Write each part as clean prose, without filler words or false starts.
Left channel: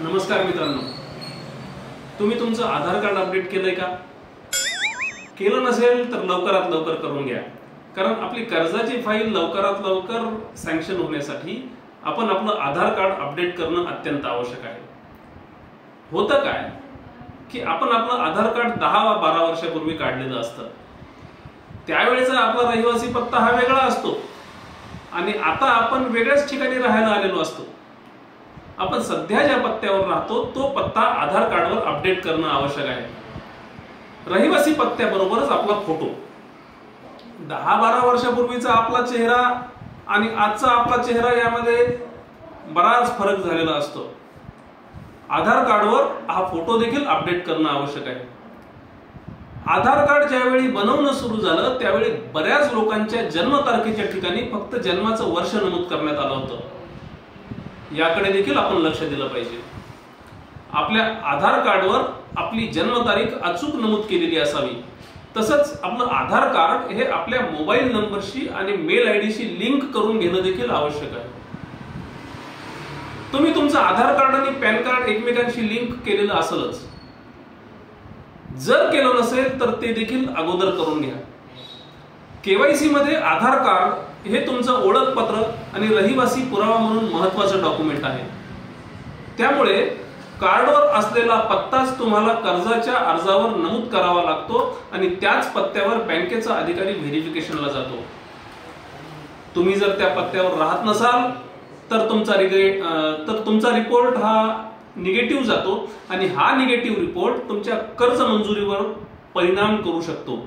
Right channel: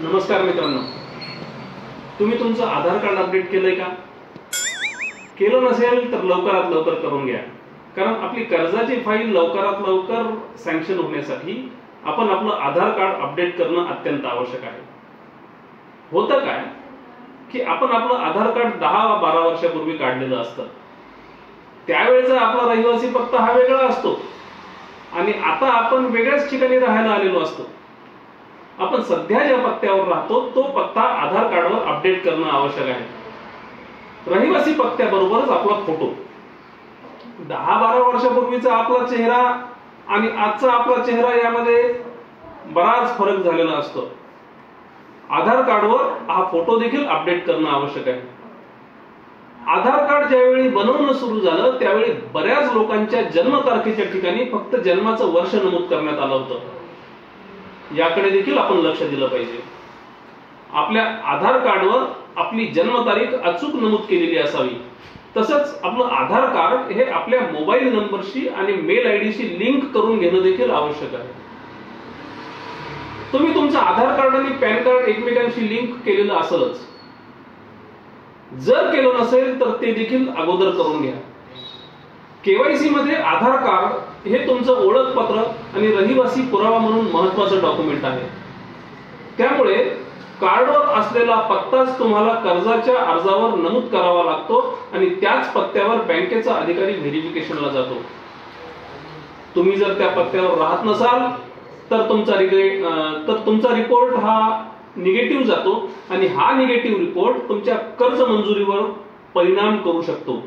नमस्कार मित्रांनो, तुम्ही तुमचं आधार कार्ड अपडेट केलंय का? केलं नसेल तर लवकरात लवकर करून घ्या, कारण आपली कर्जाची फाईल लवकरात लवकर सँक्शन होण्यासाठी आपण आपलं आधार कार्ड अपडेट करणं अत्यंत आवश्यक आहे। होतं काय की आपण आपलं आधार कार्ड 10-12 वर्षापूर्वी काढलेलं असतं, त्यावेळेचा आपला रहिवासी पत्ता हा वेगळा असतो आणि आता आपण वेगळ्याच ठिकाणी राहायला आलेलो असतो। आपण सध्या ज्या पत्त्यावर राहतो तो पत्ता आधार कार्डवर अपडेट करणं आवश्यक आहे। रहिवासी पत्त्याबरोबरच आपला फोटो, 10-12 वर्षापूर्वीचा आपला चेहरा आणि आजचा आपला चेहरा यामध्ये बराच फरक झालेला असतो। आधार कार्डवर हा फोटो देखील अपडेट करणं आवश्यक आहे। आधार कार्ड ज्यावेळी बनवणं सुरू झालं त्यावेळी बऱ्याच लोकांच्या जन्मतारखेच्या ठिकाणी फक्त जन्माचं वर्ष नमूद करण्यात आलं होतं। याकडे देखील आपण लक्ष दिलं पाहिजे। आपल्या आधार कार्डवर आपली जन्मतारीख अचूक नमूद केलेली असावी। तसंच आपलं आधार कार्ड हे आपल्या मोबाईल नंबरशी आणि मेल आयडीशी लिंक करून घेणं देखील आवश्यक आहे। तुम्ही तुमचं आधार कार्ड आणि पॅन कार्ड एकमेकांशी लिंक केलेलं असेलच, जर केलं नसेल तर ते देखील अगोदर करून घ्या। केवायसी मध्ये आधार कार्ड हे तुमचं ओळखपत्र आणि रहिवासी पुरावा म्हणून महत्त्वाचं डॉक्युमेंट आहे। त्यामुळे कार्डवर असलेला पत्ताच तुम्हाला कर्जाच्या अर्जावर नमूद करावा लागतो आणि त्याच पत्त्यावर बँकेचा अधिकारी व्हेरिफिकेशनला जातो। तुम्ही जर त्या पत्त्यावर राहत नसाल तर तुमचा रिपोर्ट हा निगेटिव्ह जातो आणि हा निगेटिव्ह रिपोर्ट तुमच्या कर्ज मंजुरीवर परिणाम करू शकतो।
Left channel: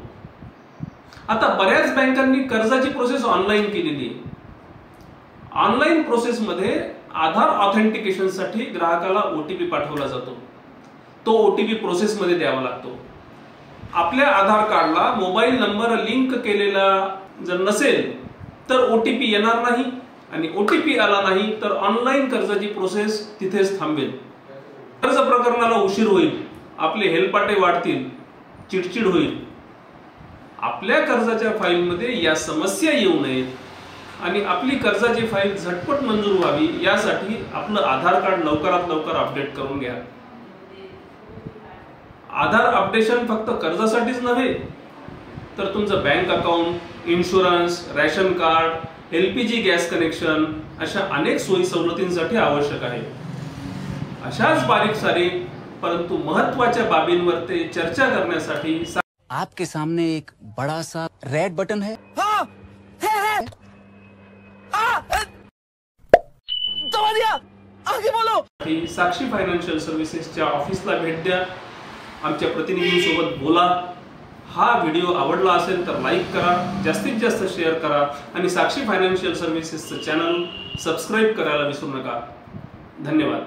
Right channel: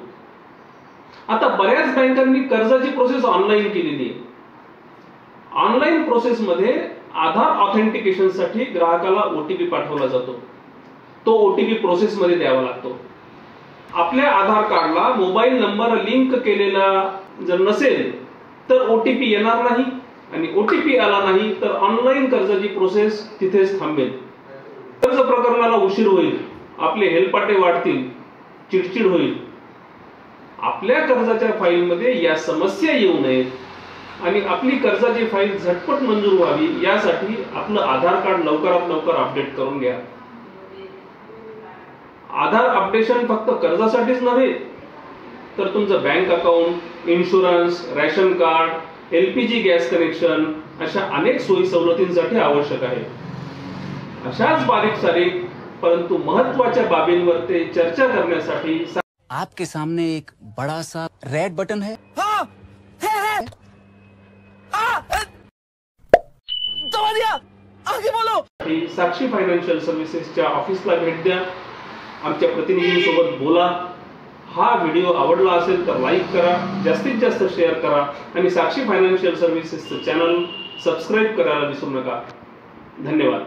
आता बऱ्याच बँकांनी कर्जाची प्रोसेस ऑनलाईन केलेली आहे। ऑनलाईन प्रोसेस मध्ये आधार ऑथेंटिकेशन साठी ग्राहकाला ओटीपी पाठवला जातो। तो ओटीपी प्रोसेस मध्ये द्यावा लागतो। आपल्या आधार कार्डला मोबाईल नंबर लिंक केलेला जर नसेल तर ओटीपी येणार नाही आणि ओटीपी आला नाही तर ऑनलाईन कर्जाची प्रोसेस तिथेच थांबेल। कर्ज प्रकरणाला उशीर होईल, आपले हेलपाटे वाढतील, चिडचिड होईल। आपल्या कर्जाच्या फाईलमध्ये या समस्या येऊ नयेत आणि आपली कर्जाची फाईल झटपट मंजूर व्हावी यासाठी आपलं आधार कार्ड लवकरात लवकर अपडेट करून घ्या। आधार अपडेशन फक्त कर्जासाठीच नव्हे तर तुमचं bank account, insurance, ration card, LPG gas connection अशा अनेक सोयी सवलतींसाठी आवश्यक आहे। अशाच बारीक सारीक परंतु महत्त्वाच्या बाबींवर ते चर्चा करण्यासाठी आपके सामने एक बड़ा सा रेड बटन है। हाँ, है। दबा दिया, आगे बोलो। साक्षी फायनान्शियल सर्व्हिसेसच्या ऑफिसला भेट द्या, आमच्या प्रतिनिधींसोबत बोला। हा व्हिडिओ आवडला असेल तर लाईक करा, जास्तीत जास्त शेअर करा आणि साक्षी फायनान्शियल सर्व्हिसेसचं चॅनल सबस्क्राईब करायला विसरू नका। धन्यवाद।